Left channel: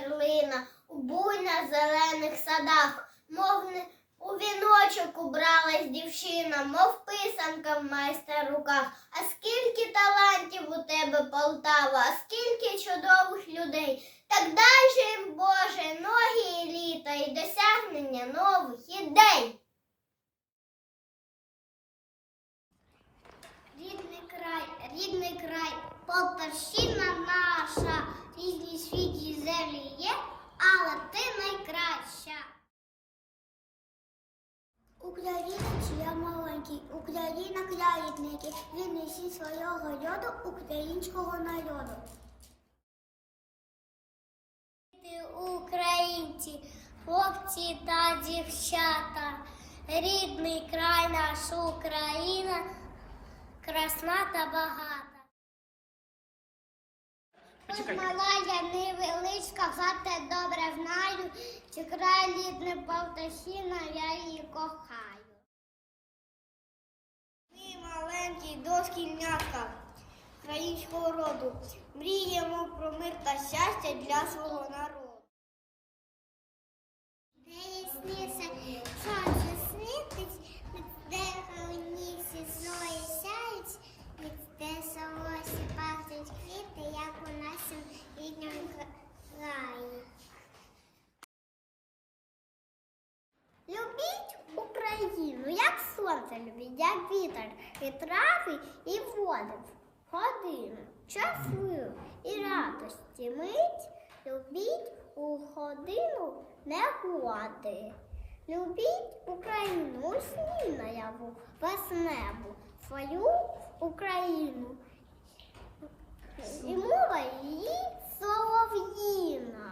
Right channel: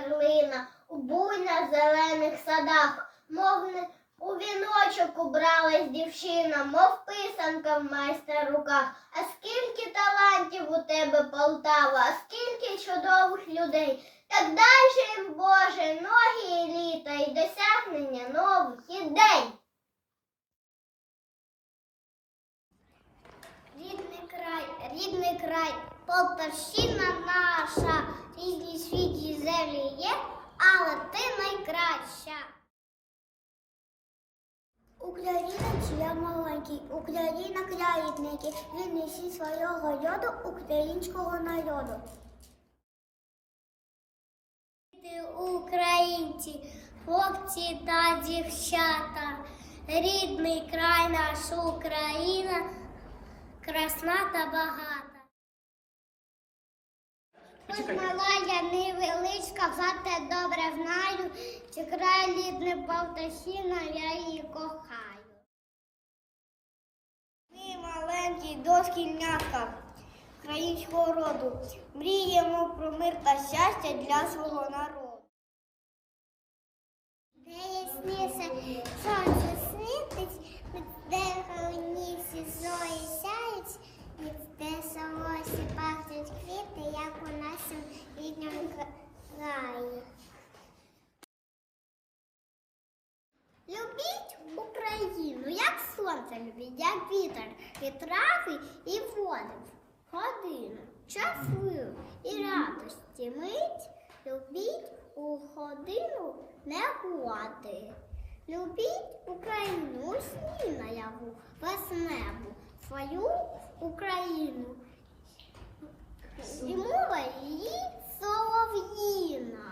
перлина у буйна зелених садах, мов не у віночок убралась дівчина, мов писанка в майстер руках. А скільки талантів у тебе Полтава, а скільки чудових людей. Так дай же їм, Боже, ноги і літа і досягнення нових ідей. Рідний край, Полтавщина наша, різні світі землі є, але ти найкраща. Українець я маленький, Україна країдники, він несіть свого роду українського народу. Українці, хлопці та дівчата, рідний край наш Україна, красна та багата. Хоч мала я невеличка, зате добре знаю, чи край рідне Полтавщина, я її кохаю. Ми маленькі дошкільнятка українського роду, мріємо про мир та щастя для свого народу. Любіть Україну, як сонце любіть, як вітер, і трави, і воду. Годину, щасливу і радості мить, любіть у годину негоди. Любіть Україну у сні наяву, без небу, свою Україну. І мова її солов'їна.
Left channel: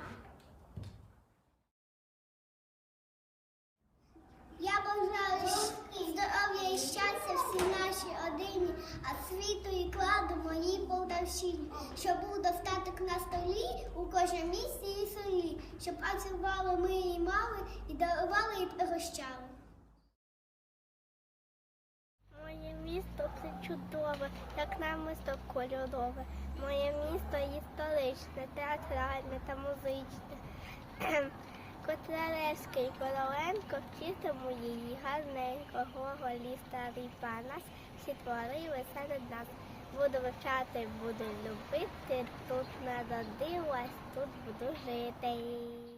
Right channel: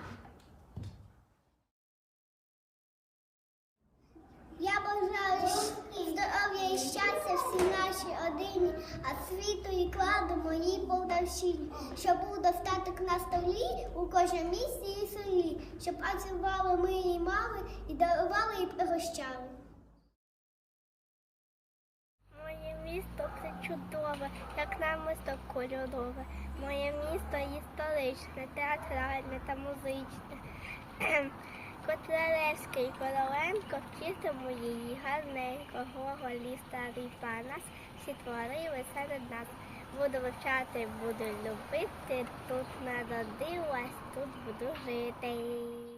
Я бажаю здоров'я і щастя всій родині, а світу і кладу моїй Полтавщині, щоб був достаток на столі у кожній місці і селі, щоб працювали ми і мали, і дарували і пригощали. Моє місто це чудове, як намисто кольорове. Моє місто історичне, театральне та музичне. Котляревський Короленко вчитиму її гарненько, Гоголі ліста Ріпанас, всі творили серед нас. Буду вивчати, буду любити, тут народилась, тут буду жити.